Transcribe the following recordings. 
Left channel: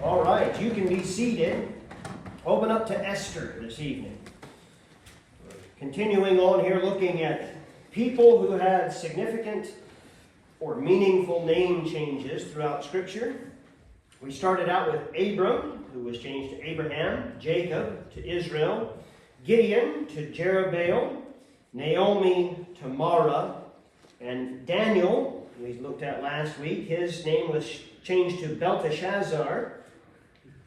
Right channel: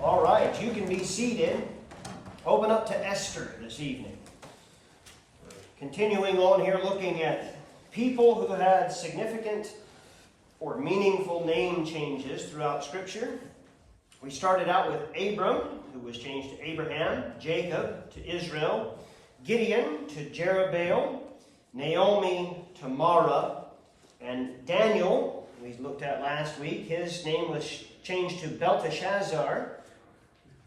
All right, you can be seated. Open up to Esther this evening. Continuing on here, looking at people who had significant or meaningful name changes throughout Scripture. We started out with Abram, who was changed to Abraham, Jacob to Israel, Gideon to Jerubbaal, Naomi to Mara, and Daniel, who we looked at last week, his name was changed to Belteshazzar.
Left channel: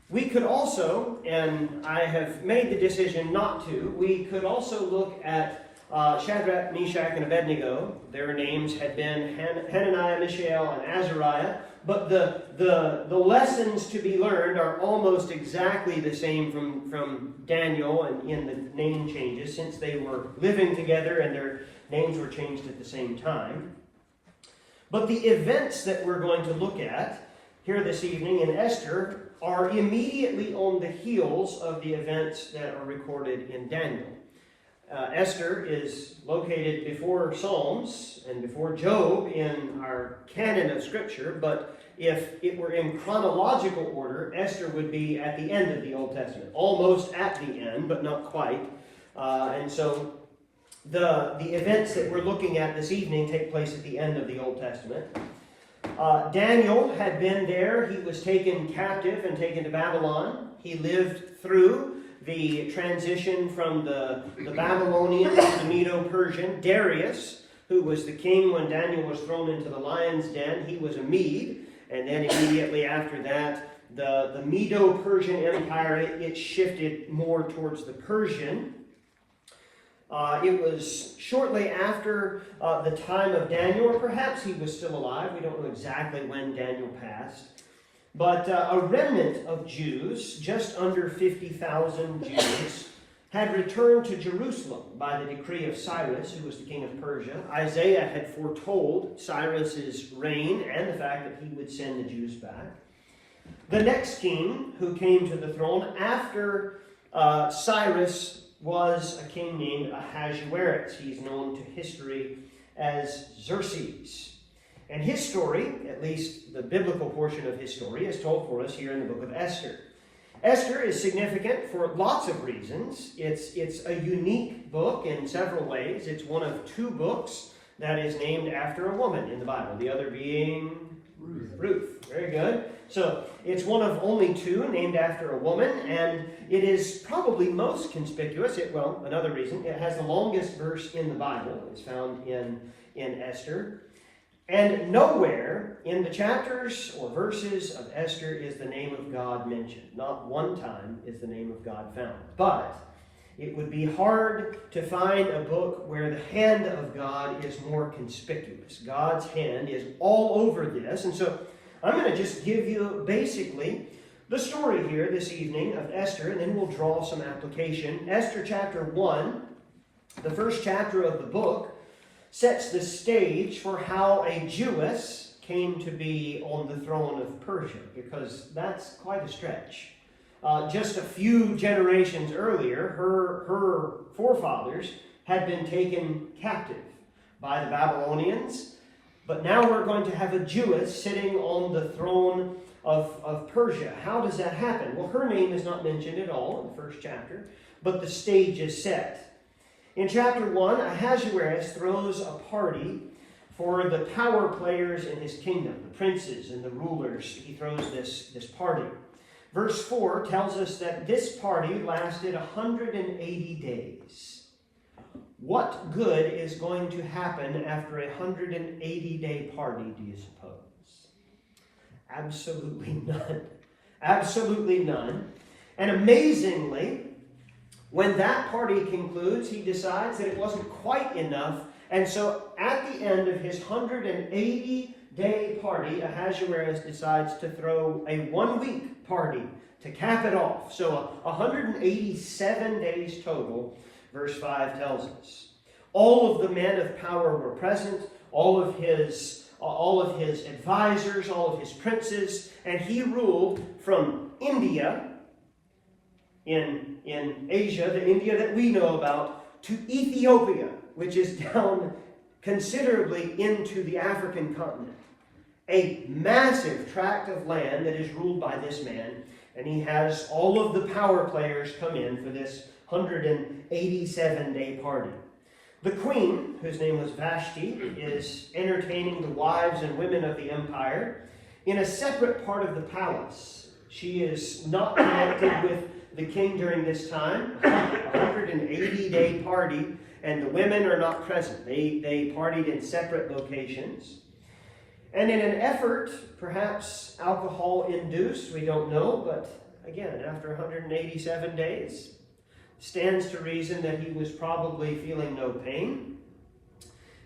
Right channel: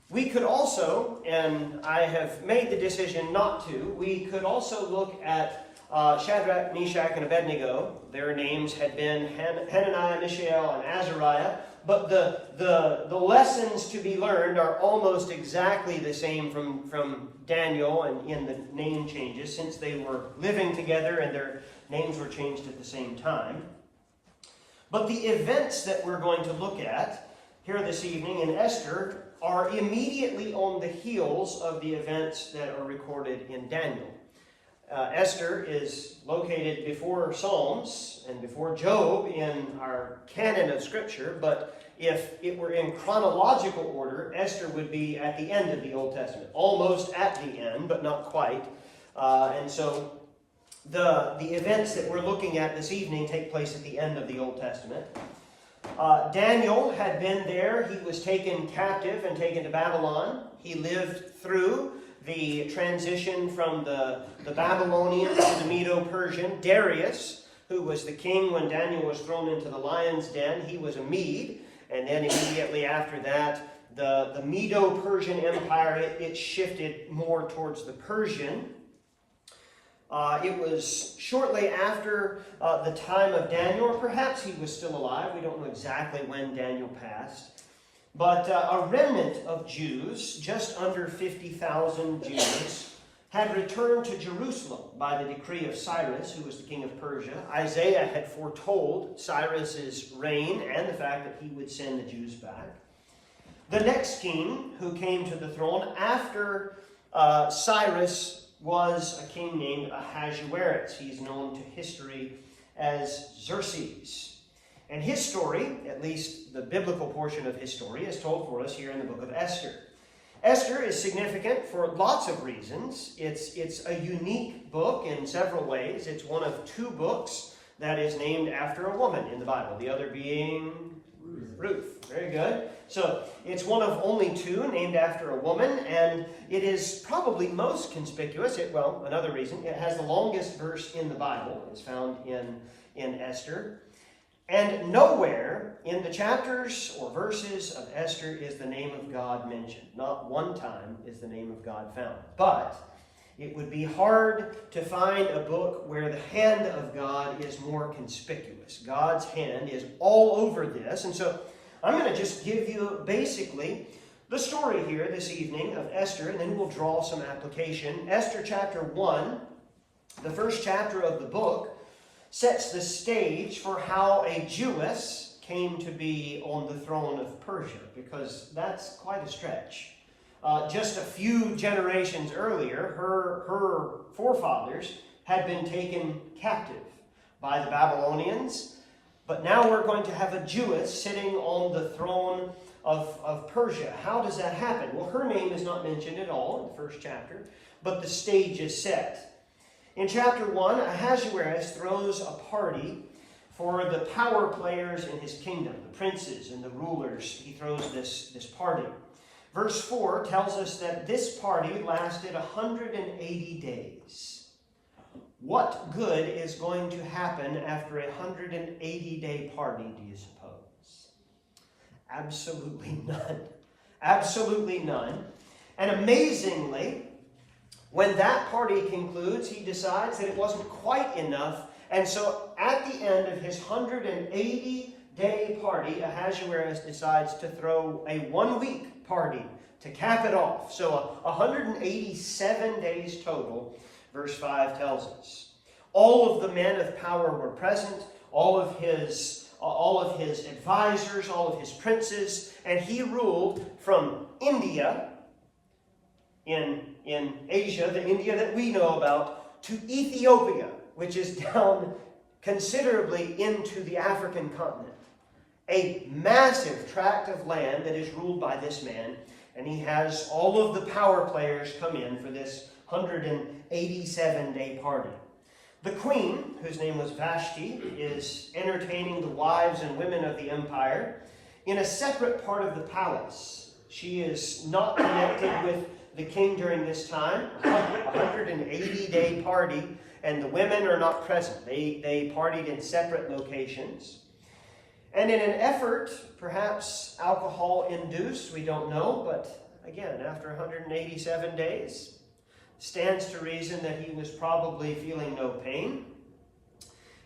We could also, and I have made the decision not to, we could also look at Shadrach, Meshach, and Abednego. Their names had been Hananiah, Mishael, and Azariah, but the lessons to be learned are almost exactly the same from Daniel and in the name changes, since they were living together and their names were changed at the same time. But the events that we're going to look at here this evening in Esther are immediately on the heels of the events that are recorded in Daniel. Esther is located before Psalms and before Job in our canon of Scripture, but if it were in chronological order, Esther would be at the end of the Old Testament, almost at the end, but not quite. And so the events that we're looking at this evening take place at the end of the Old Testament. Daniel had been there. He was taken captive and taken to Babylon. He lived through the transition from the Babylonian to the Medo-Persian. Darius, who was the king when Daniel was thrown into the lion's den, he was a Mede. And then immediately after that, the Medo-Persian Empire, it shifted more towards the Persian. It was shortly after the time of Daniel, or perhaps he was still alive. We don't know exactly when Daniel passed. But a remnant of Jews, just under 50,000 Jews, had returned to Jerusalem by the decree of Cyrus, who was the king of Persia. Isaiah had foretold Cyrus's reign and the fact that he would send the Jews back. The next king who came to the throne after Cyrus was a king named Ahasuerus. He's known to history as Xerxes. And his story, at least the biblical portion of his story, is told for us here in the book of Esther. Esther is significant for lots of reasons. It's a unique book in several ways. It's one of two books that is named after a woman in the Bible, the other being Ruth. Very good. So it's one of only two named after a woman, and it is probably most conspicuous. Another reason, it has the longest verse in the Bible. It's found in Esther. And nowhere in the chapters or verses of Esther is the name of God mentioned. Not one time is the name of God found. But it would be hard to find a book where the hand of God is more conspicuous. God's hand is all over this. And so I'm going to just give you basically the story here this evening of Esther, and then we'll draw some application. Esther chapter 1, the first chapter of the book, sets the stage for how a Jewess came to be on the throne of Persia, because that's quite a stretch. Just a few generations earlier, her forefathers had been taken captive by the Babylonians, but now we're going to have a Jewess sitting on the throne of Persia. How does that happen? Well, her name is not mentioned at all in the first chapter, but the stage is set. In chapter 1, Ahasuerus throws a party for the power players in his kingdom, the princes and the rulers. He throws this party. Verse 4 tells us that this party lasted 180 days. What good is going to happen after a 180-day party, do you suppose? Absolutely none. Absolutely none. And amazingly, when that party concludes, he decides that it wasn't quite enough. And so at the end of his 180-day party, Ahasuerus decides to throw a one-week party to cap it off. So 187 days total, verse 5 tells us. All of the men of power were present, all of his advisors, all of his princes, and he ruled from India, in Asia, the India that we know about, to Ethiopia, which is down considerably into the African continent. a massive tract of land that is ruled by this man, and he has all of the power players come in for this 187-day party. The queen, whose name was Vashti, is entertaining the wives and women of the empire in a separate part of the palace. She is not connected with the king during this time. A 180-day party, and the women are not present. They partied in separate locations. And in an effort, perhaps alcohol-induced, we don't know, but again, after 187 days, stands to reason that he was probably feeling no pain.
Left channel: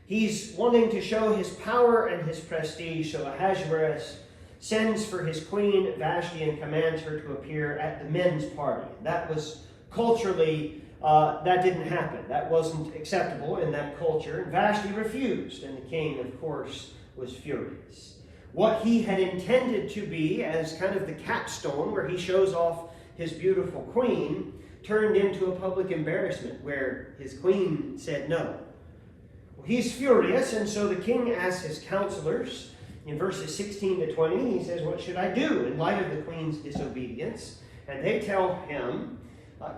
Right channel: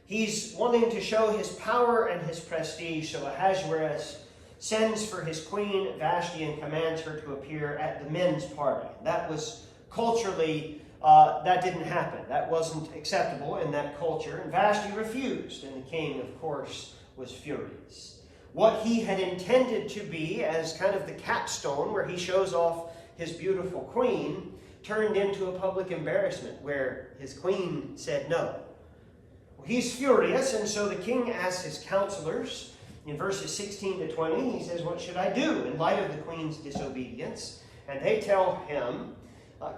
He's wanting to show his power and his prestige, so Ahasuerus sends for his queen Vashti and commands her to appear at the men's party. That was culturally, that didn't happen. That wasn't acceptable in that culture, and Vashti refused, and the king, of course, was furious. What he had intended to be as kind of the capstone where he shows off his beautiful queen turned into a public embarrassment where his queen said no. Well, he's furious, and so the king asks his counselors in verses 16 to 20, he says, "What should I do in light of the queen's disobedience?" And they tell him,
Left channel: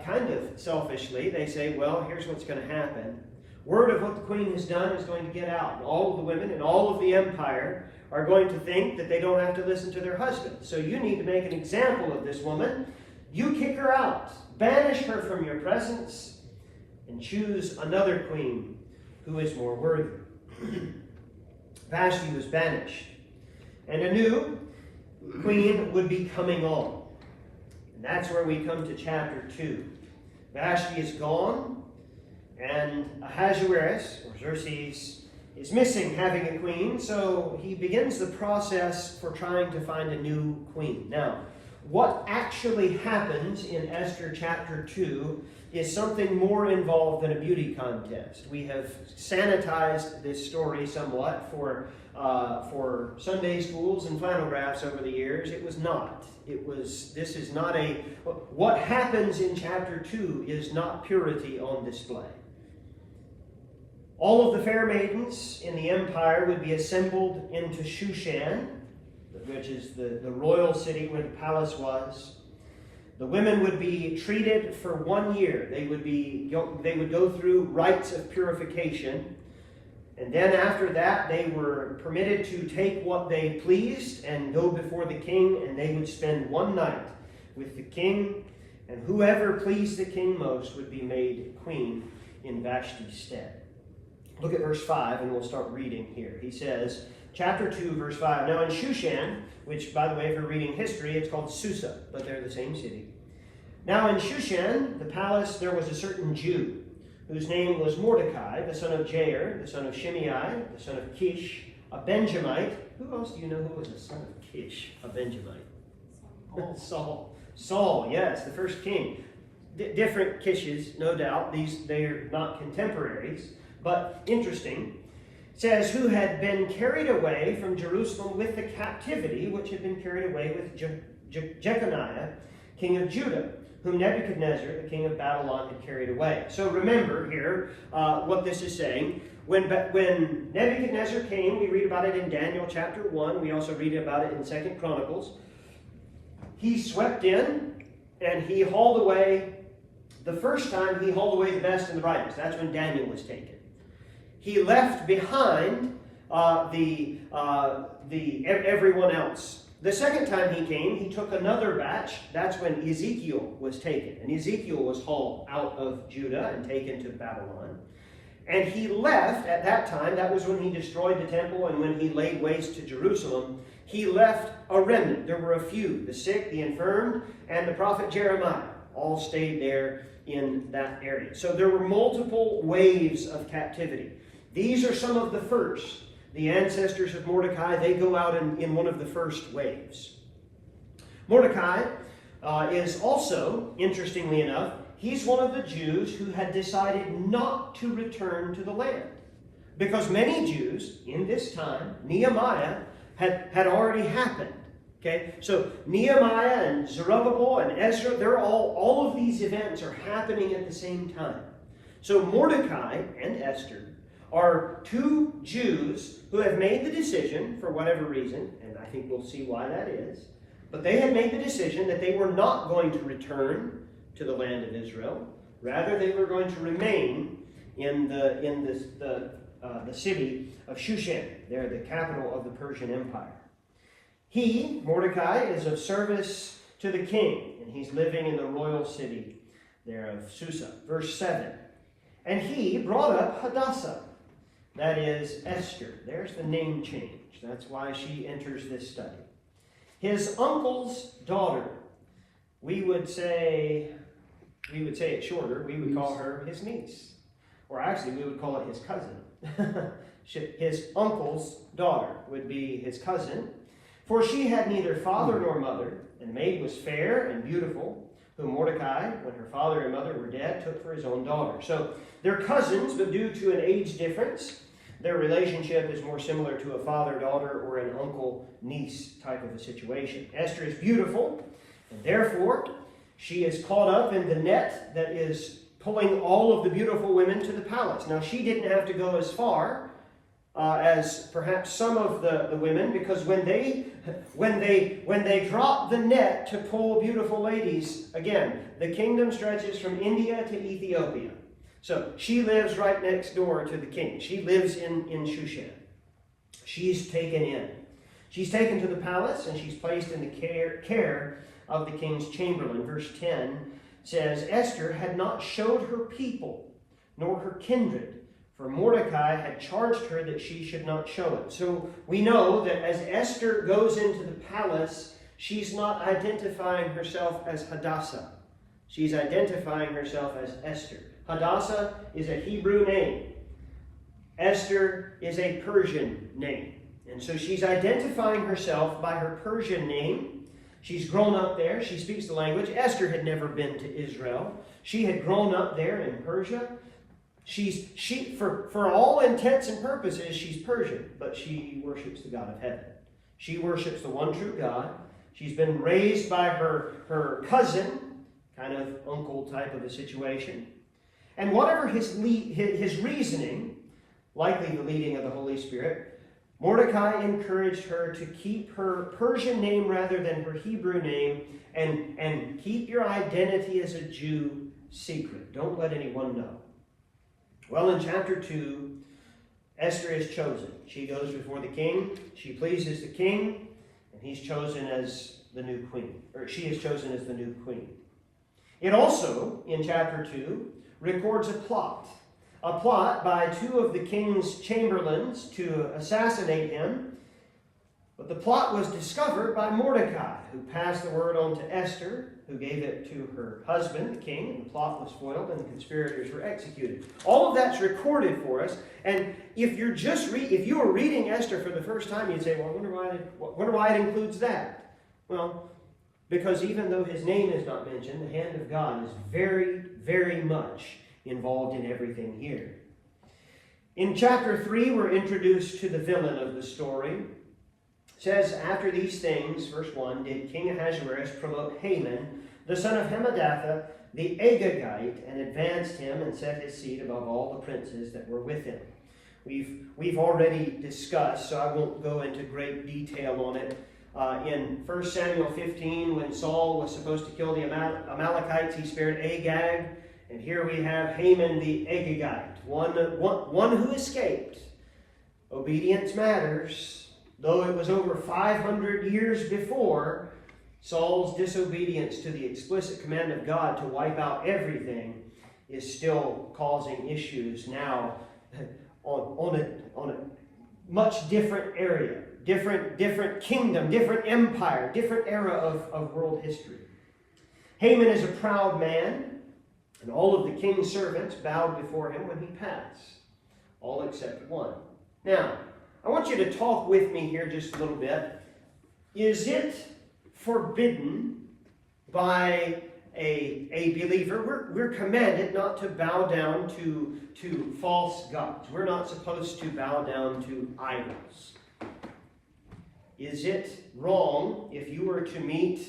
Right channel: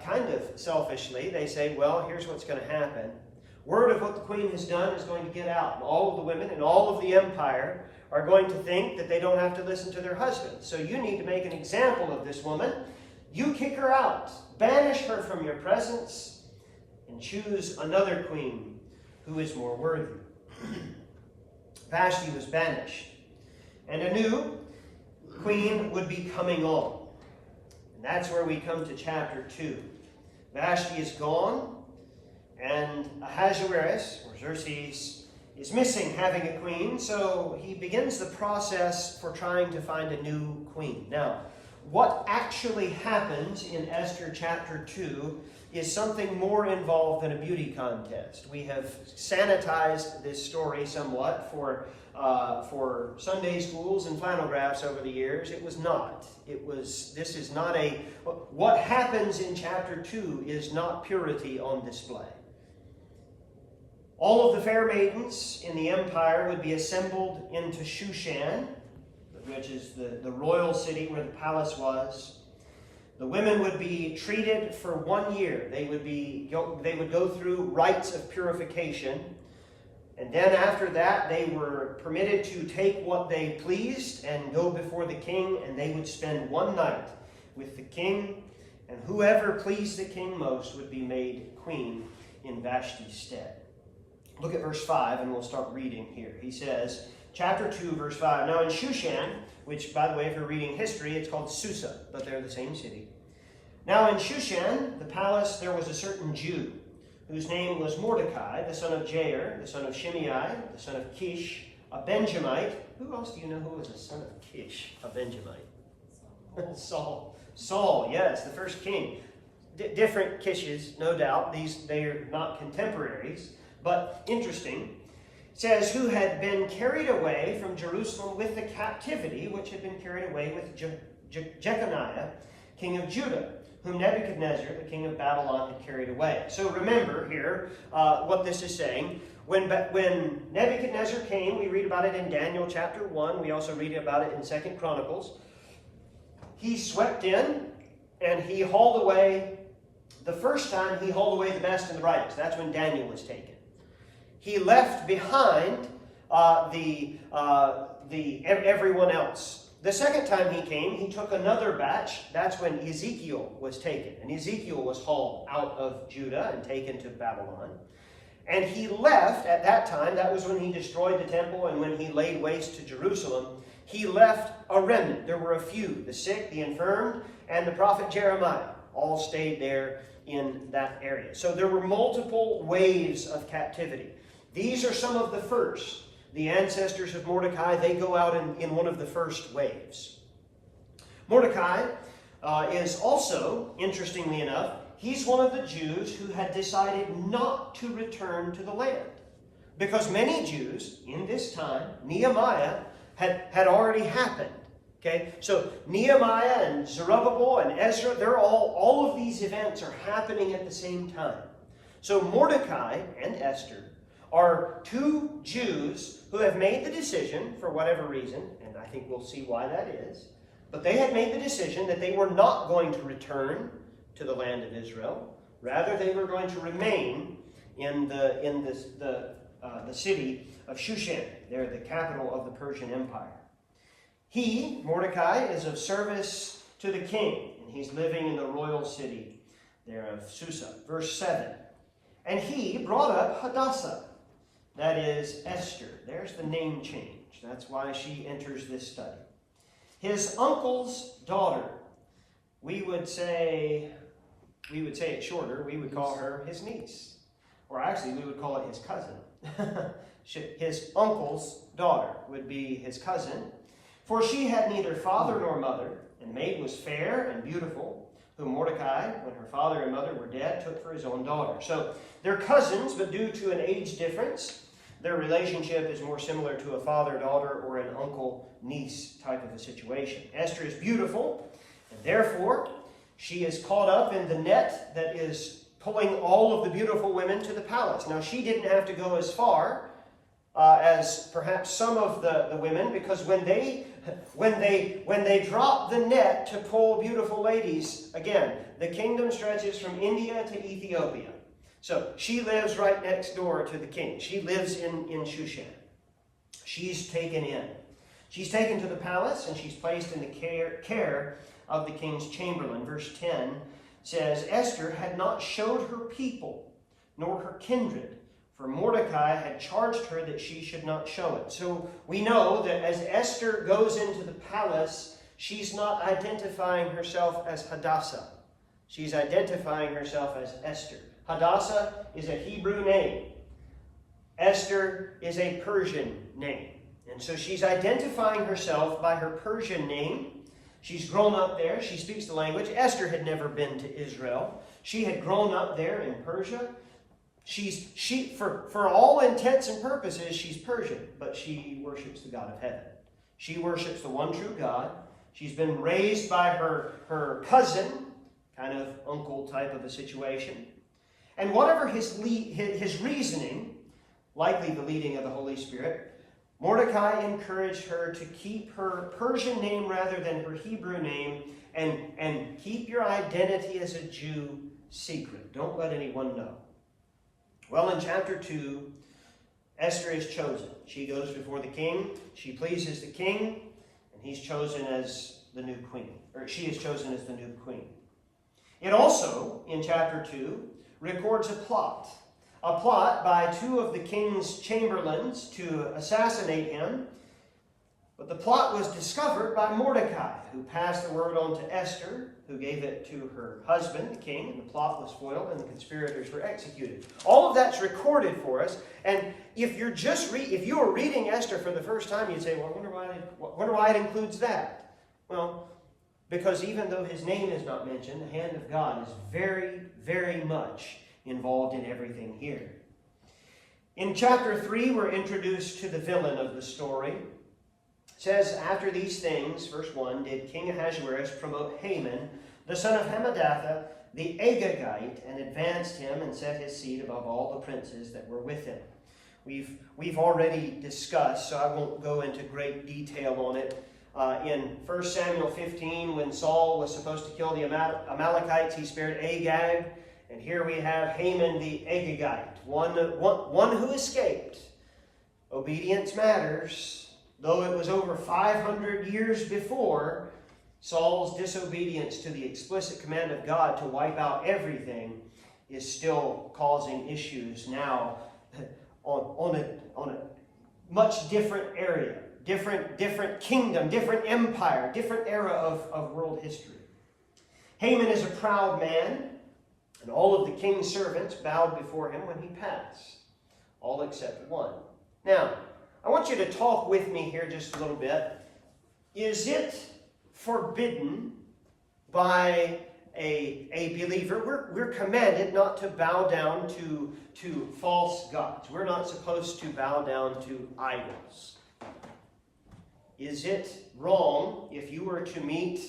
kind of selfishly, they say, "Well, here's what's going to happen. Word of what the queen has done is going to get out. And all of the women and all of the empire are going to think that they don't have to listen to their husbands. So you need to make an example of this woman. You kick her out. Banish her from your presence and choose another queen who is more worthy." Vashti was banished, and a new queen would be coming on. And that's where we come to chapter 2. Vashti is gone, and Ahasuerus, or Xerxes, is missing having a queen, so he begins the process for trying to find a new queen. Now, what actually happens in Esther chapter 2 is something more involved than a beauty contest. We have sanitized this story somewhat for Sunday schools and flannel graphs over the years. It was not. This is not what happens in chapter 2 is not purity on display. All of the fair maidens in the empire would be assembled into Shushan, which is the royal city where the palace was. The women would be treated for 1 year. They would go through rites of purification. And then after that, they were permitted to take what they pleased and go before the king, and they would spend one night with the king, and whoever pleased the king most would be made queen in Vashti's stead. Look at verse 5, and we'll start reading here. He says, chapter 2, verse 5, "Now in Shushan," which, by the way, if you're reading history, it's called Susa, but they're the same city. "Now in Shushan, the palace, there was a certain Jew, whose name was Mordecai, the son of Jair, the son of Shimei, the son of Kish, a Benjamite." Who else do you know who was the son of Kish, a Benjamite? Saul, yes, the first king. Different Kishes, no doubt. They are not contemporaries. But interesting, it says, "Who had been carried away from Jerusalem with the captivity which had been carried away with Jeconiah, king of Judah, whom Nebuchadnezzar, the king of Babylon, had carried away." So remember here what this is saying. When Nebuchadnezzar came, we read about it in Daniel chapter 1. We also read about it in 2 Chronicles. He swept in and he hauled away, the first time he hauled away the best and the brightest. That's when Daniel was taken. He left behind everyone else. The second time he came, he took another batch. That's when Ezekiel was taken. And Ezekiel was hauled out of Judah and taken to Babylon. And he left at that time. That was when he destroyed the temple and when he laid waste to Jerusalem. He left a remnant. There were a few, the sick, the infirmed, and the prophet Jeremiah. All stayed there in that area. So there were multiple waves of captivity. These are some of the first. The ancestors of Mordecai, they go out in one of the first waves. Mordecai is also, interestingly enough, he's one of the Jews who had decided not to return to the land. Because many Jews in this time, Nehemiah, had already happened. Okay, so Nehemiah and Zerubbabel and Ezra, they're all of these events are happening at the same time. So Mordecai and Esther are two Jews who have made the decision, for whatever reason, I think we'll see why that is. But they had made the decision that they were not going to return to the land of Israel. Rather, they were going to remain in the city of Shushan. They're the capital of the Persian Empire. He, Mordecai, is of service to the king, and he's living in the royal city there of Susa. Verse 7. And he brought up Hadassah, that is Esther. There's the name change. That's why she enters this study. His uncle's daughter. We would say it shorter. We would call her his niece. Or actually, we would call it his cousin. His uncle's daughter would be his cousin. For she had neither father nor mother, and the maid was fair and beautiful, whom Mordecai, when her father and mother were dead, took for his own daughter. So they're cousins, but due to an age difference, their relationship is more similar to a father-daughter or an uncle-niece type of a situation. Esther is beautiful, and therefore she is caught up in the net that is pulling all of the beautiful women to the palace. Now, she didn't have to go as far as perhaps some of the women, because when they drop the net to pull beautiful ladies, again, the kingdom stretches from India to Ethiopia. So she lives right next door to the king. She lives in Shushan. She's taken in. She's taken to the palace, and she's placed in the care of the king's chamberlain. Verse 10 says, Esther had not showed her people, nor her kindred, for Mordecai had charged her that she should not show it. So we know that as Esther goes into the palace, she's not identifying herself as Hadassah. She's identifying herself as Esther. Hadassah is a Hebrew name. Esther is a Persian name. And so she's identifying herself by her Persian name. She's grown up there. She speaks the language. Esther had never been to Israel. She had grown up there in Persia. For all intents and purposes, she's Persian, but she worships the God of heaven. She worships the one true God. She's been raised by her cousin, kind of uncle type of a situation. And whatever his reasoning, likely the leading of the Holy Spirit, Mordecai encouraged her to keep her Persian name rather than her Hebrew name, and keep your identity as a Jew secret. Don't let anyone know. Well, in chapter 2, Esther is chosen. She goes before the king. She pleases the king, and he's chosen as the new queen. Or she is chosen as the new queen. It also, in chapter 2, records a plot by two of the king's chamberlains to assassinate him. But the plot was discovered by Mordecai, who passed the word on to Esther, who gave it to her husband, the king, and the plot was foiled and the conspirators were executed. All of that's recorded for us. And if you were reading Esther for the first time, you'd say, well, I wonder why it includes that. Well, because even though his name is not mentioned, the hand of God is very, very much involved in everything here. In chapter 3, we're introduced to the villain of the story. It says, after these things, verse 1, did King Ahasuerus promote Haman, the son of Hammedatha, the Agagite, and advanced him and set his seat above all the princes that were with him. We've already discussed, so I won't go into great detail on it. In 1 Samuel 15, when Saul was supposed to kill the Amalekites, he spared Agag. And here we have Haman the Agagite, one who escaped. Obedience matters. Though it was over 500 years before, Saul's disobedience to the explicit command of God to wipe out everything is still causing issues now on a much different area, different kingdom, different empire, different era of world history. Haman is a proud man, and all of the king's servants bowed before him when he passed, all except one. Now, I want you to talk with me here just a little bit. Is it forbidden by a believer? We're commanded not to bow down to false gods. We're not supposed to bow down to idols. Is it wrong if you were to meet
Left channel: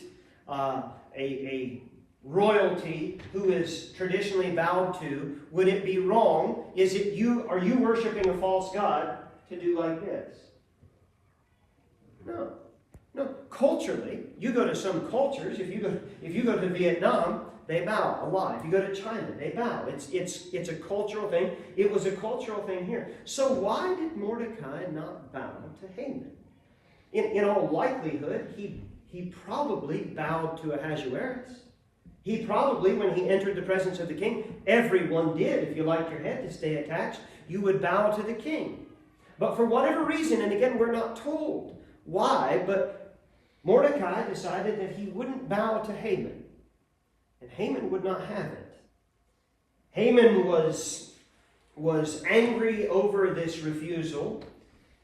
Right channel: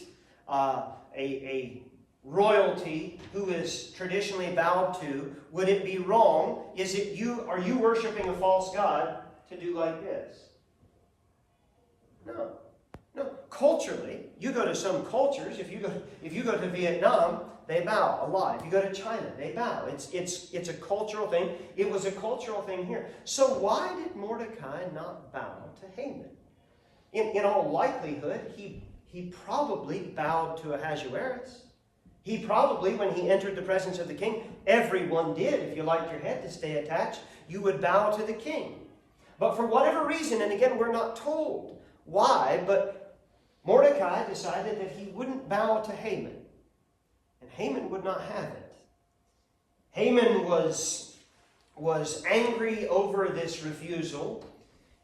a royalty who is traditionally bowed to? Would it be wrong? Are you worshiping a false god to do like this? No. No, culturally, you go to some cultures, if you go to Vietnam, they bow a lot. If you go to China, they bow. It's a cultural thing. It was a cultural thing here. So why did Mordecai not bow to Haman? In all likelihood, he probably bowed to Ahasuerus. He probably, when he entered the presence of the king, everyone did. If you liked your head to stay attached, you would bow to the king. But for whatever reason, and again, we're not told why, but Mordecai decided that he wouldn't bow to Haman. And Haman would not have it. Haman was angry over this refusal,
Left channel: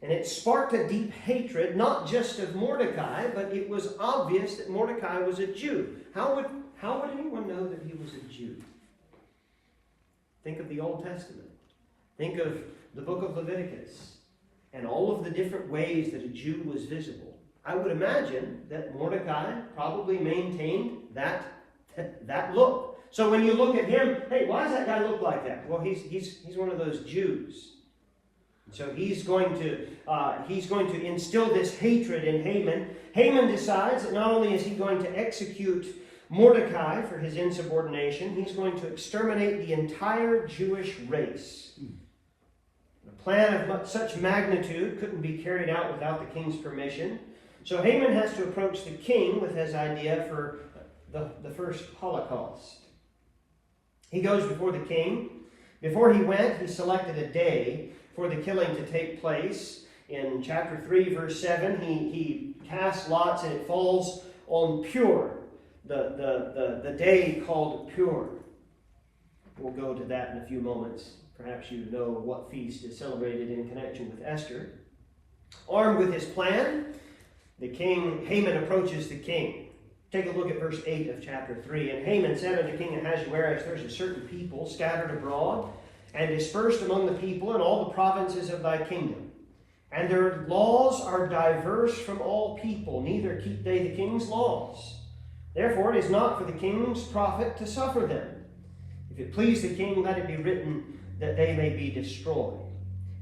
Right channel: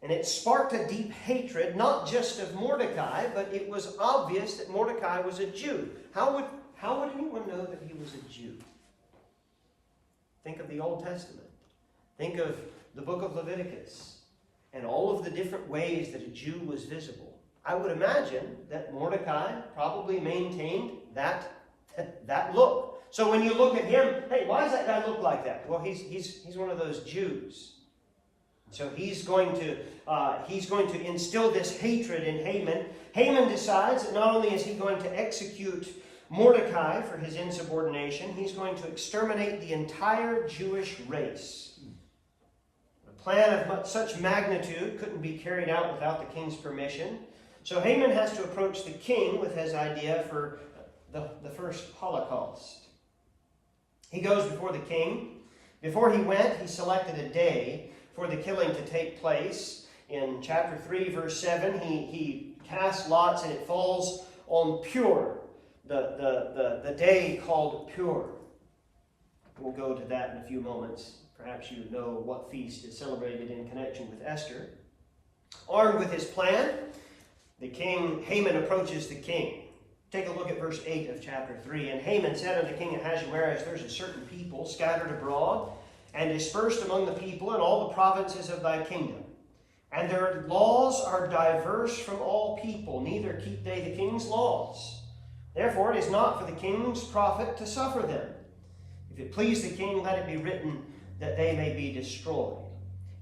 and it sparked a deep hatred, not just of Mordecai, but it was obvious that Mordecai was a Jew. How would anyone know that he was a Jew? Think of the Old Testament. Think of the book of Leviticus and all of the different ways that a Jew was visible. I would imagine that Mordecai probably maintained that look. So when you look at him, hey, why does that guy look like that? Well, he's one of those Jews. So he's going to instill this hatred in Haman. Haman decides that not only is he going to execute Mordecai for his insubordination, he's going to exterminate the entire Jewish race. A plan of such magnitude couldn't be carried out without the king's permission. So Haman has to approach the king with his idea for the first Holocaust. He goes before the king. Before he went, he selected a day for the killing to take place. In chapter 3, verse 7, he casts lots and it falls on Pur, the day called Pur. We'll go to that in a few moments. Perhaps you know what feast is celebrated in connection with Esther. Armed with his plan, Haman approaches the king. Take a look at verse 8 of chapter 3. And Haman said unto King Ahasuerus, there's a certain people scattered abroad and dispersed among the people in all the provinces of thy kingdom. And their laws are diverse from all people, neither keep they the king's laws. Therefore it is not for the king's profit to suffer them. If it please the king, let it be written that they may be destroyed.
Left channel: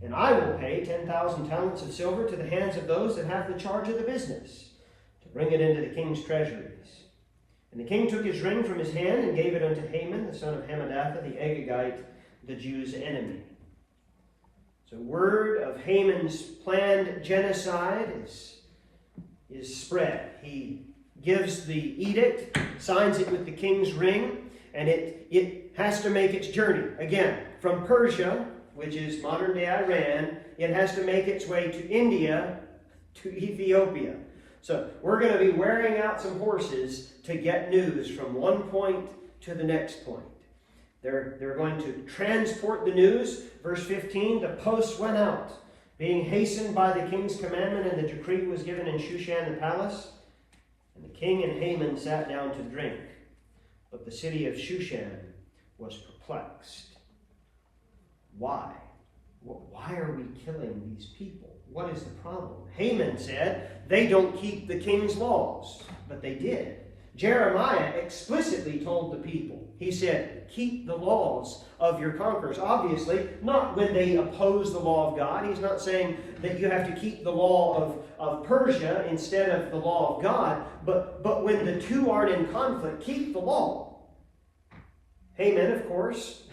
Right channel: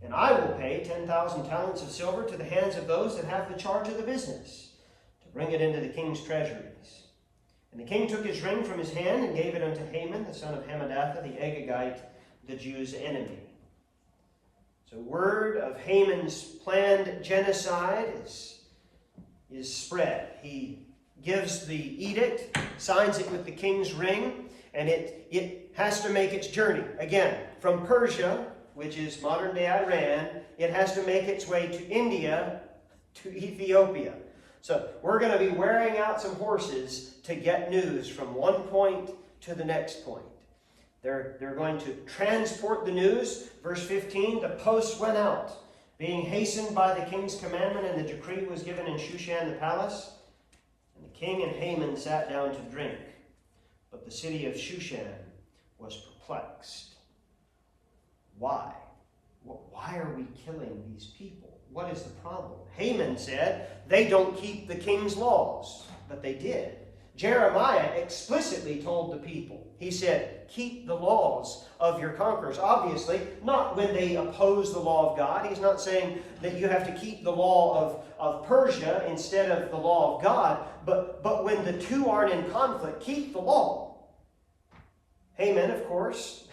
And I will pay 10,000 talents of silver to the hands of those that have the charge of the business, to bring it into the king's treasuries. And the king took his ring from his hand and gave it unto Haman, the son of Hammedatha, the Agagite, the Jews' enemy. So word of Haman's planned genocide is spread. He gives the edict, signs it with the king's ring, and it has to make its journey. Again, from Persia, which is modern-day Iran, it has to make its way to India, to Ethiopia. So we're going to be wearing out some horses to get news from one point to the next point. They're going to transport the news. Verse 15, the post went out, being hastened by the king's commandment, and the decree was given in Shushan the palace. And the king and Haman sat down to drink. But the city of Shushan was perplexed. Why? Why are we killing these people? What is the problem? Haman said, they don't keep the king's laws. But they did. Jeremiah explicitly told the people, he said, keep the laws of your conquerors. Obviously, not when they oppose the law of God. He's not saying that you have to keep the law of Persia instead of the law of God. But when the two aren't in conflict, keep the law. Haman, of course,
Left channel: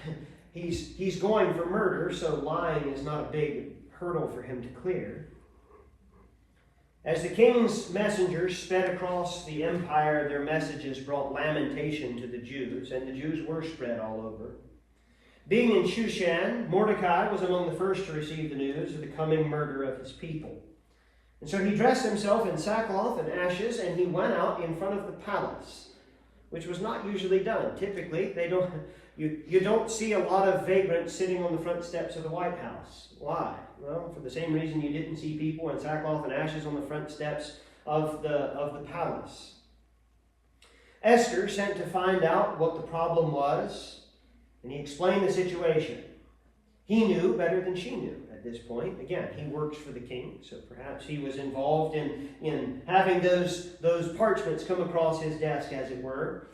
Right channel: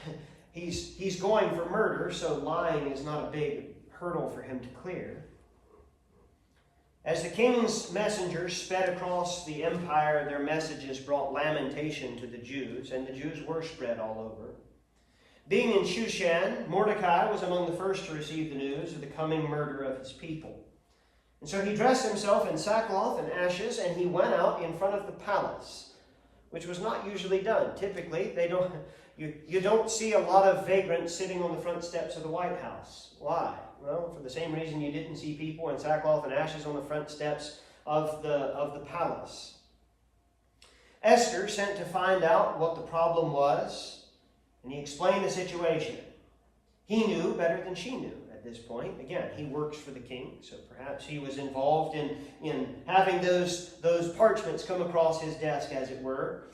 he's going for murder, so lying is not a big hurdle for him to clear. As the king's messengers sped across the empire, their messages brought lamentation to the Jews, and the Jews were spread all over. Being in Shushan, Mordecai was among the first to receive the news of the coming murder of his people. And so he dressed himself in sackcloth and ashes, and he went out in front of the palace, which was not usually done. Typically, you don't see a lot of vagrants sitting on the front steps of the White House. Why? Well, for the same reason you didn't see people in sackcloth and ashes on the front steps of the palace. Esther sent to find out what the problem was, and he explained the situation. He knew better than she knew at this point. Again, he works for the king, so perhaps he was involved in having those parchments come across his desk, as it were.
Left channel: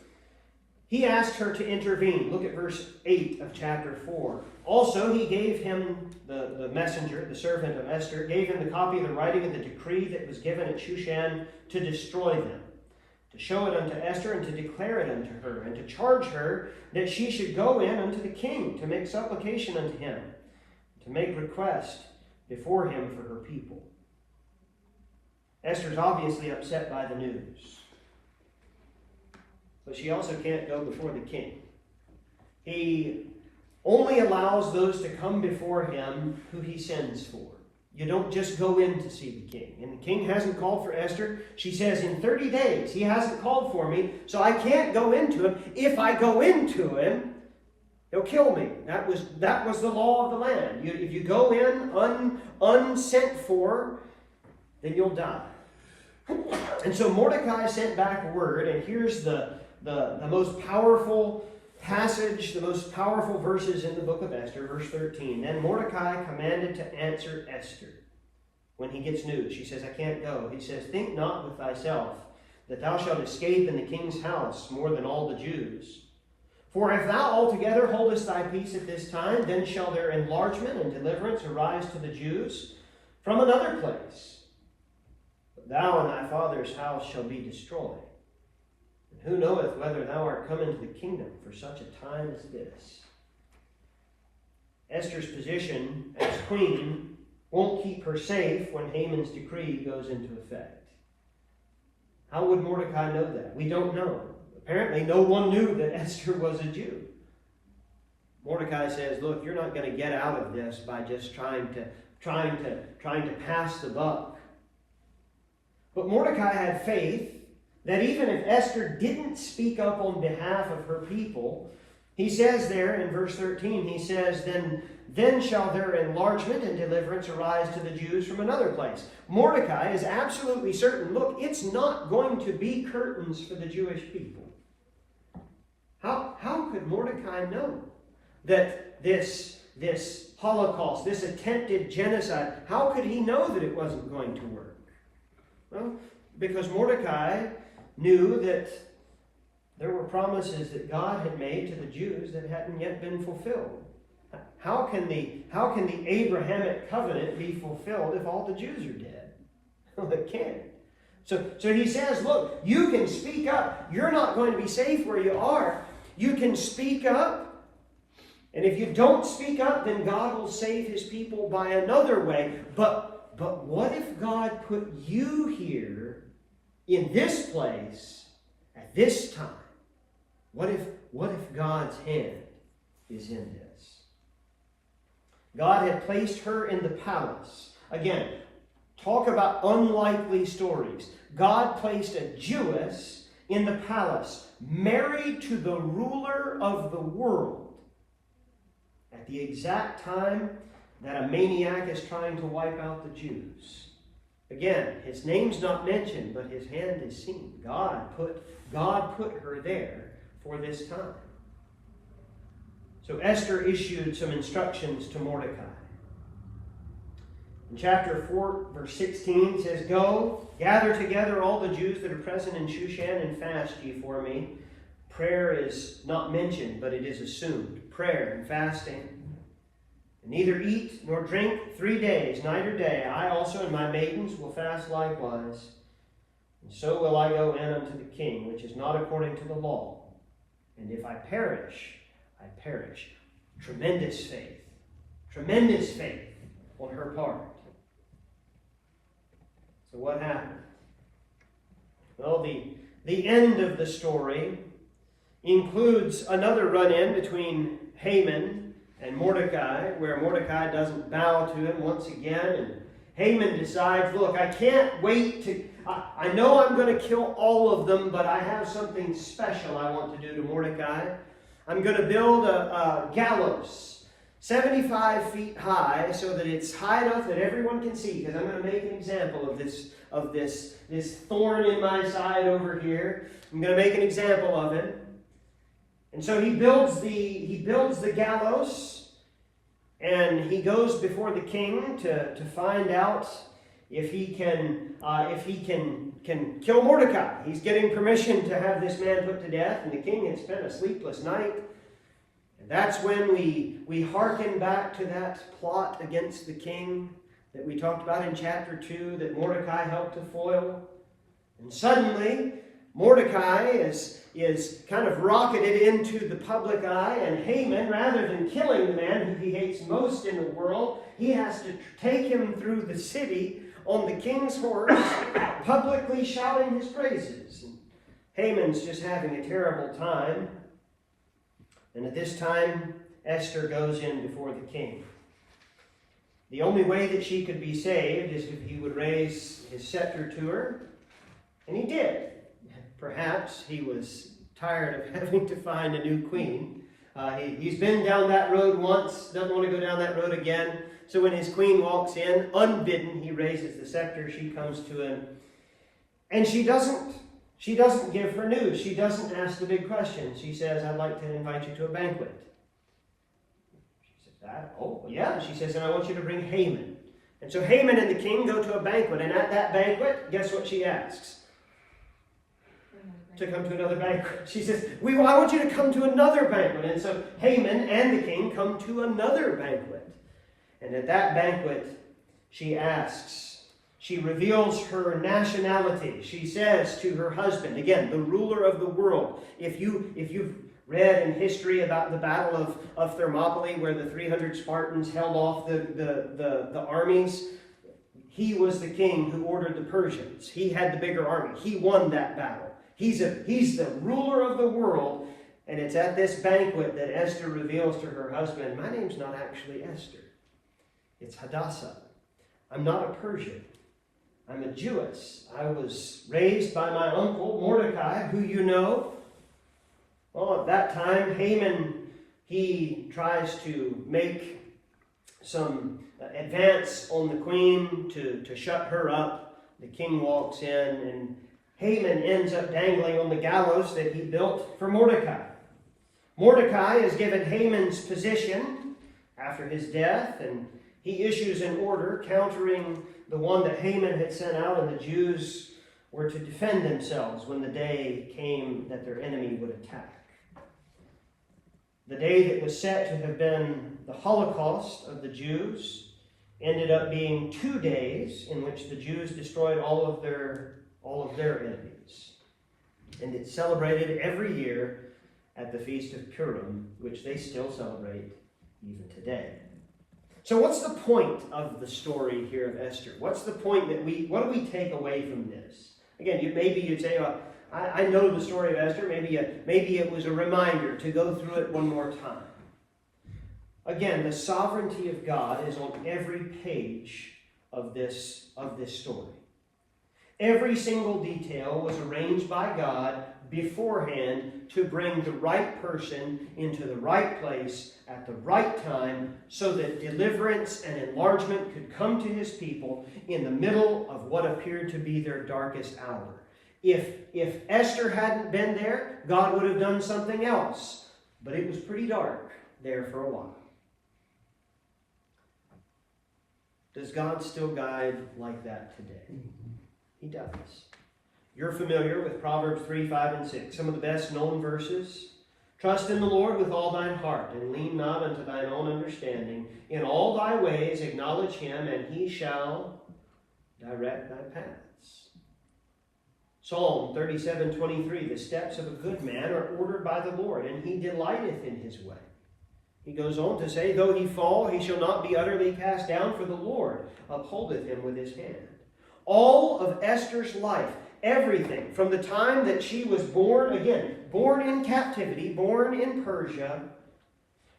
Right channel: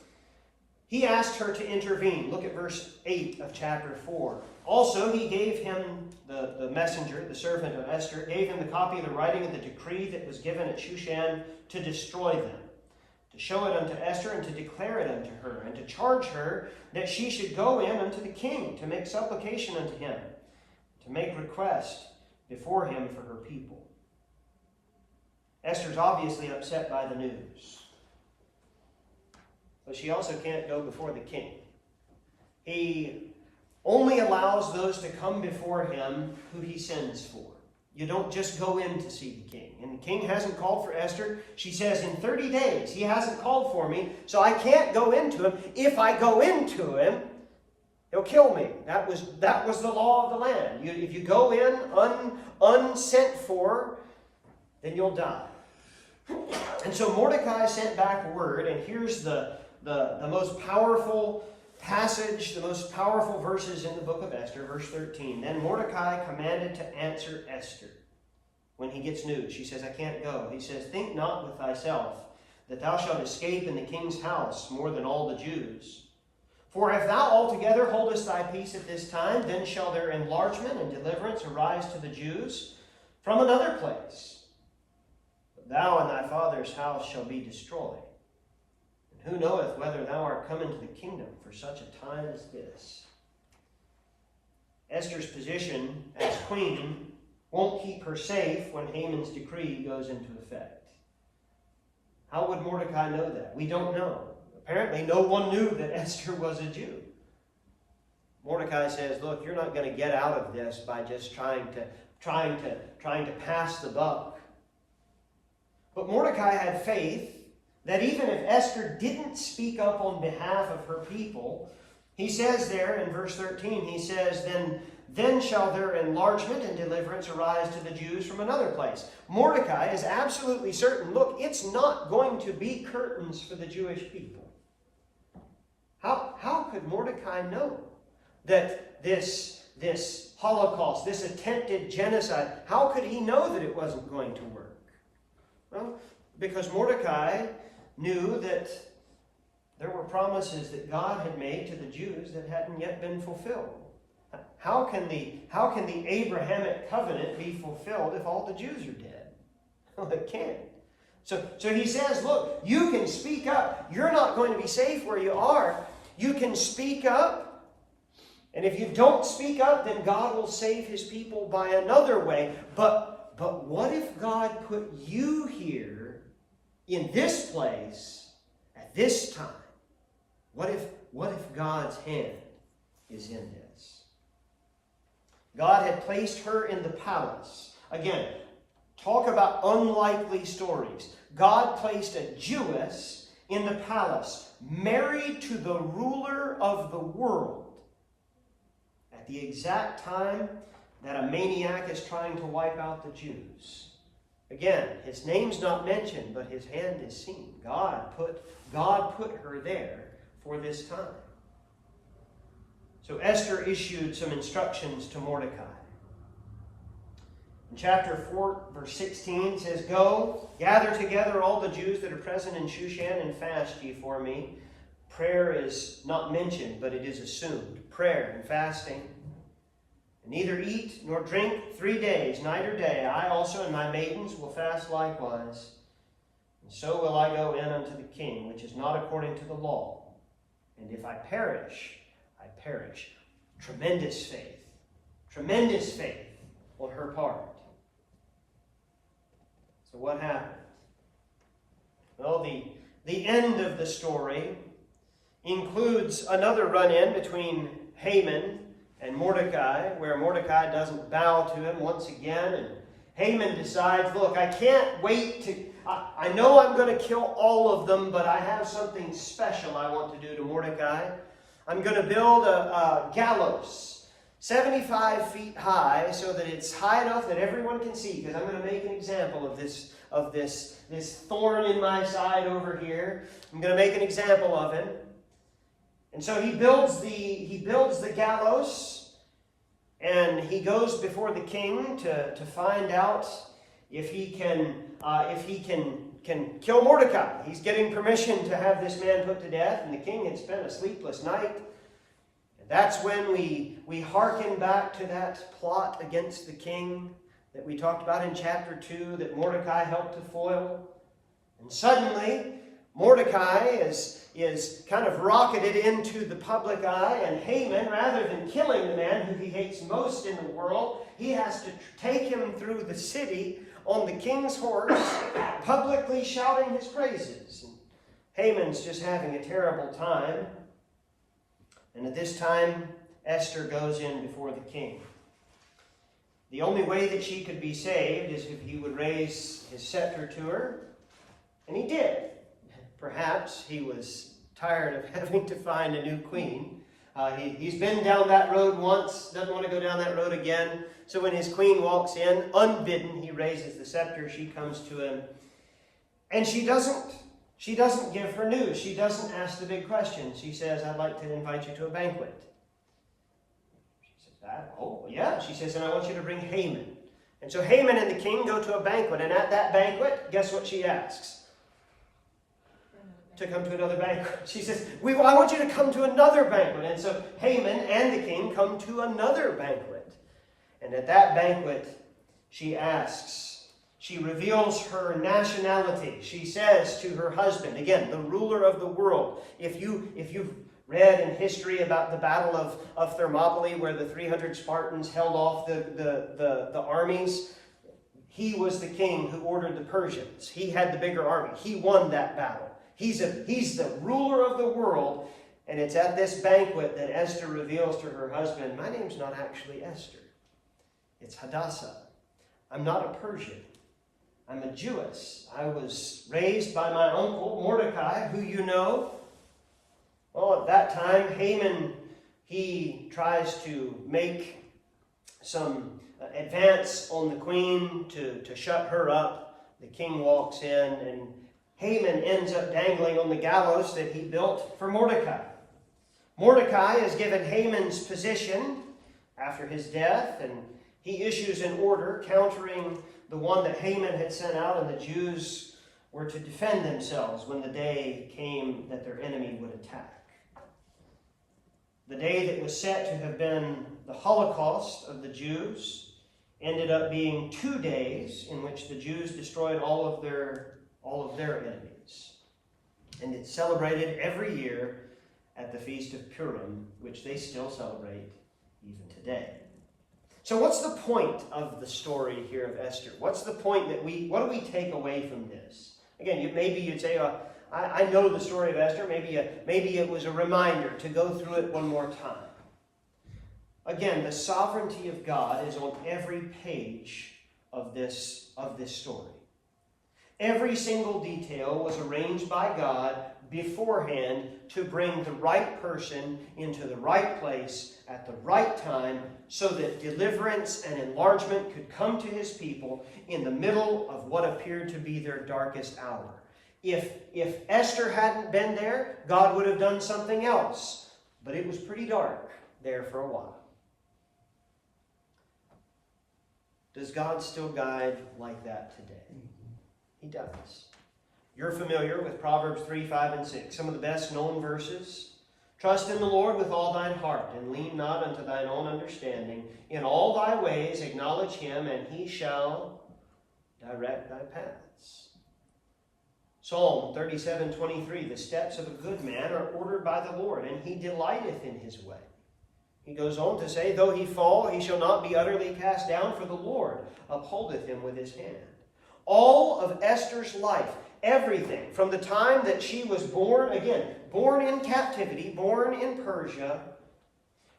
He asked her to intervene. Look at verse 8 of chapter 4. Also, he gave him, the messenger, the servant of Esther, gave him the copy of the writing of the decree that was given at Shushan to destroy them, to show it unto Esther, and to declare it unto her, and to charge her that she should go in unto the king, to make supplication unto him, to make request before him for her people. Esther's obviously upset by the news, but she also can't go before the king. He only allows those to come before him who he sends for. You don't just go in to see the king. And the king hasn't called for Esther. She says, in 30 days, he hasn't called for me, so I can't go into him. If I go into him, he'll kill me. That was the law of the land. If you go in unsent for, then you'll die. And so Mordecai sent back word, and here's the most powerful passage, the most powerful verses in the book of Esther, verse 13. Then Mordecai commanded to answer Esther when he gets news. She says, I can't go. He says, think not with thyself that thou shalt escape in the king's house more than all the Jews. For if thou altogether holdest thy peace at this time, then shall their enlargement and deliverance arise to the Jews from another place. But thou and thy father's house shall be destroyed. Who knoweth whether thou art come into the kingdom for such a time as this? Esther's position as queen won't keep her safe when Haman's decree goes into effect. How would Mordecai know that? We don't know. Apparently no one knew that Esther was a Jew. Mordecai says, look, you're not going to get out of this by just trying to pass the buck. But Mordecai had faith that even if Esther didn't speak up on behalf of her people, he says there in verse 13, he says, then shall their enlargement and deliverance arise to the Jews from another place. Mordecai is absolutely certain, look, it's not going to be curtains for the Jewish people. How could Mordecai know that this Holocaust, this attempted genocide, how could he know that it wasn't going to work? Well, because Mordecai knew that there were promises that God had made to the Jews that hadn't yet been fulfilled. How can the Abrahamic covenant be fulfilled if all the Jews are dead? Well, it can't. So he says, look, you can speak up. You're not going to be safe where you are. You can speak up. And if you don't speak up, then God will save his people by another way. But what if God put you here in this place at this time? What if God's hand is in this? God had placed her in the palace. Again, talk about unlikely stories. God placed a Jewess in the palace, married to the ruler of the world, at the exact time that a maniac is trying to wipe out the Jews. Again, his name's not mentioned, but his hand is seen. God put her there for this time. So Esther issued some instructions to Mordecai. In chapter 4, verse 16, it says, Go, gather together all the Jews that are present in Shushan, and fast ye for me. Prayer is not mentioned, but it is assumed. Prayer and fasting. And neither eat nor drink 3 days, night or day. I also and my maidens will fast likewise. And so will I go in unto the king, which is not according to the law. And if I perish, I perish. Tremendous faith. Tremendous faith on her part. So what happened? Well, the end of the story includes another run-in between Haman and Mordecai, where Mordecai doesn't bow to him once again, and Haman decides, look, I can't wait to... I know I'm going to kill all of them, but I have something special I want to do to Mordecai. I'm going to build a gallows 75 feet high so that it's high enough that everyone can see, because I'm going to make an example of this thorn in my side over here. I'm going to make an example of him. And so he builds the gallows, and he goes before the king to find out if he can kill Mordecai. He's getting permission to have this man put to death, and the king had spent a sleepless night. And that's when we hearken back to that plot against the king that we talked about in chapter 2 that Mordecai helped to foil. And suddenly, Mordecai is kind of rocketed into the public eye, and Haman, rather than killing the man who he hates most in the world, he has to take him through the city on the king's horse, publicly shouting his praises. And Haman's just having a terrible time. And at this time, Esther goes in before the king. The only way that she could be saved is if he would raise his scepter to her. And he did. Perhaps he was tired of having to find a new queen. He's been down that road once, doesn't want to go down that road again. So when his queen walks in, unbidden, he raises the scepter. She comes to him. And she doesn't give her news. She doesn't ask the big question. She says, I'd like to invite you to a banquet. She says, oh, yeah. She says, and I want you to bring Haman. And so Haman and the king go to a banquet. And at that banquet, guess what she asks? To come to another banquet. She says, I want you to come to another banquet. And so Haman and the king come to another banquet. And at that banquet, she reveals her nationality. She says to her husband, again, the ruler of the world, if you've read in history about the Battle of Thermopylae, where the 300 Spartans held off the armies, he was the king who ordered the Persians. He had the bigger army. He won that battle. He's the ruler of the world, and it's at this banquet that Esther reveals to her husband, my name's not actually Esther. It's Hadassah. I'm not a Persian. I'm a Jewess. I was raised by my uncle, Mordecai, who you know. Well, at that time, Haman, he tries to make some advance on the queen to shut her up. The king walks in, and Haman ends up dangling on the gallows that he built for Mordecai. Mordecai is given Haman's position after his death, and he issues an order countering the one that Haman had sent out, and the Jews were to defend themselves when the day came that their enemy would attack. The day that was set to have been the Holocaust of the Jews ended up being 2 days in which the Jews destroyed all of their enemies. And it's celebrated every year at the Feast of Purim, which they still celebrate even today. So what's the point of the story here of Esther? What's the point what do we take away from this? Again, maybe you'd say, I know the story of Esther. Maybe it was a reminder to go through it one more time. Again, the sovereignty of God is on every page of this story. Every single detail was arranged by God beforehand to bring the right person into the right place at the right time so that deliverance and enlargement could come to his people in the middle of what appeared to be their darkest hour. If Esther hadn't been there, God would have done something else. But it was pretty dark there for a while. Does God still guide like that today? He does. You're familiar with Proverbs 3, 5, and 6. Some of the best known verses. Trust in the Lord with all thine heart, and lean not unto thine own understanding. In all thy ways acknowledge him, and he shall direct thy paths. Psalm 37, 23. The steps of a good man are ordered by the Lord, and he delighteth in his way. He goes on to say, though he fall, he shall not be utterly cast down, for the Lord upholdeth him with his hand. All of Esther's life, everything, from the time that she was born in captivity, born in Persia,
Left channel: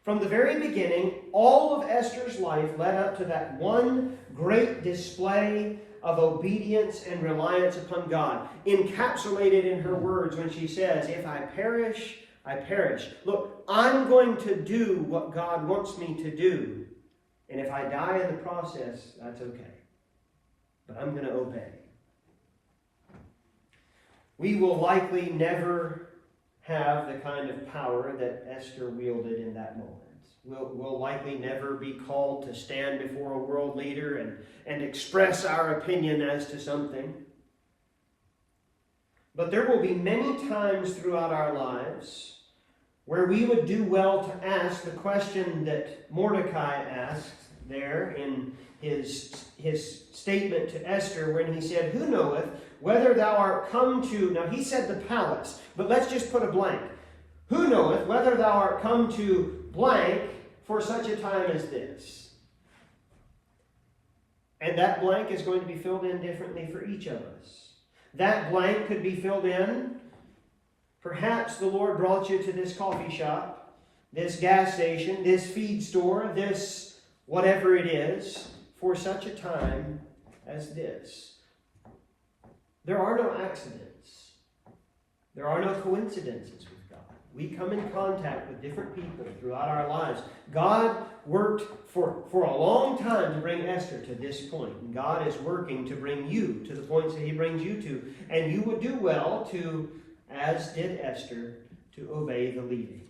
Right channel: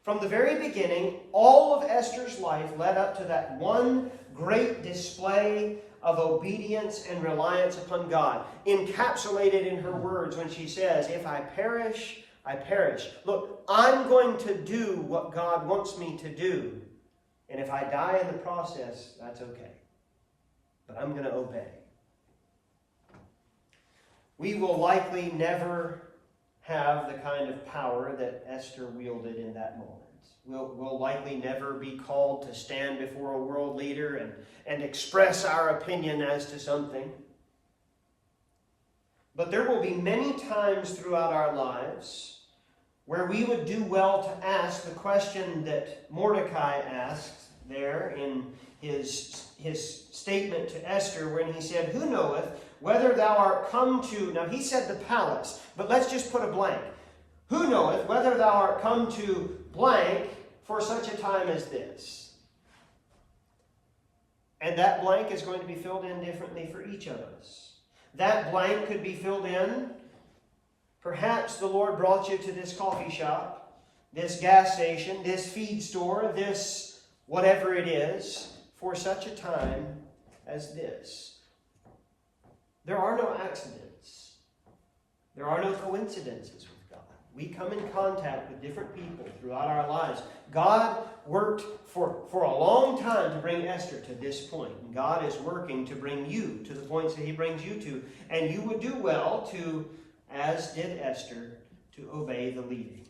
from the very beginning, all of Esther's life led up to that one great display of obedience and reliance upon God, encapsulated in her words when she says, if I perish, I perish. Look, I'm going to do what God wants me to do, and if I die in the process, that's okay. But I'm going to obey. We will likely never have the kind of power that Esther wielded in that moment. We'll likely never be called to stand before a world leader and express our opinion as to something. But there will be many times throughout our lives where we would do well to ask the question that Mordecai asked there in his statement to Esther when he said, who knoweth whether thou art come to, now he said the palace, but let's just put a blank. Who knoweth whether thou art come to blank for such a time as this? And that blank is going to be filled in differently for each of us. That blank could be filled in. Perhaps the Lord brought you to this coffee shop, this gas station, this feed store, this whatever it is, for such a time as this. There are no accidents. There are no coincidences with God. We come in contact with different people throughout our lives. God worked for a long time to bring Esther to this point. And God is working to bring you to the points that he brings you to. And you would do well to, as did Esther, to obey the leading.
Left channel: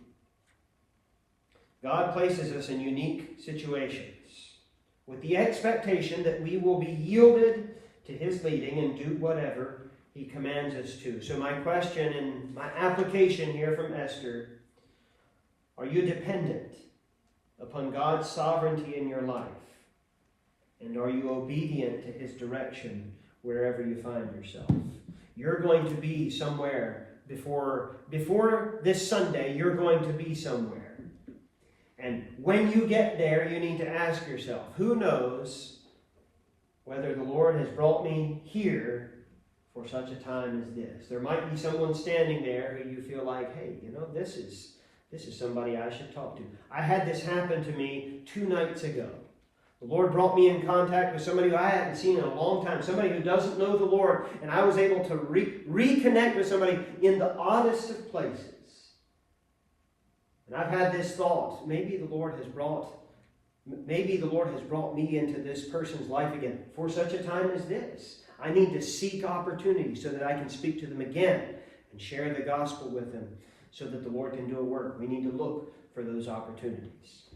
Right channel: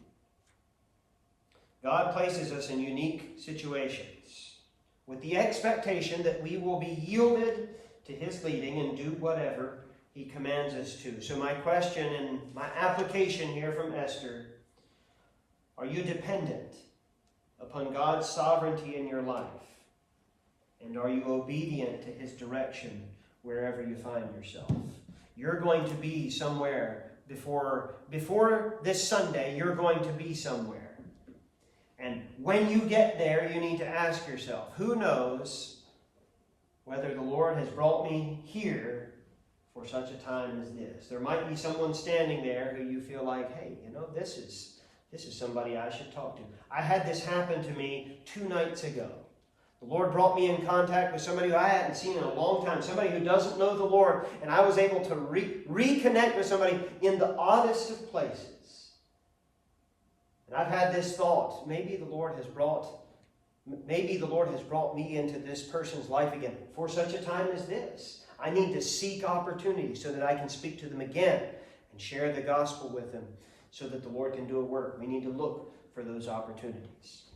God places us in unique situations with the expectation that we will be yielded to his leading and do whatever he commands us to. So my question and my application here from Esther, are you dependent upon God's sovereignty in your life? And are you obedient to his direction wherever you find yourself? You're going to be somewhere before this Sunday, you're going to be somewhere. And when you get there, you need to ask yourself, who knows whether the Lord has brought me here for such a time as this? There might be someone standing there who you feel like, hey, this is somebody I should talk to. I had this happen to me 2 nights ago. The Lord brought me in contact with somebody who I hadn't seen in a long time, somebody who doesn't know the Lord, and I was able to reconnect with somebody in the oddest of places. And I've had this thought, maybe the Lord has brought me into this person's life again for such a time as this. I need to seek opportunities so that I can speak to them again and share the gospel with them so that the Lord can do a work. We need to look for those opportunities.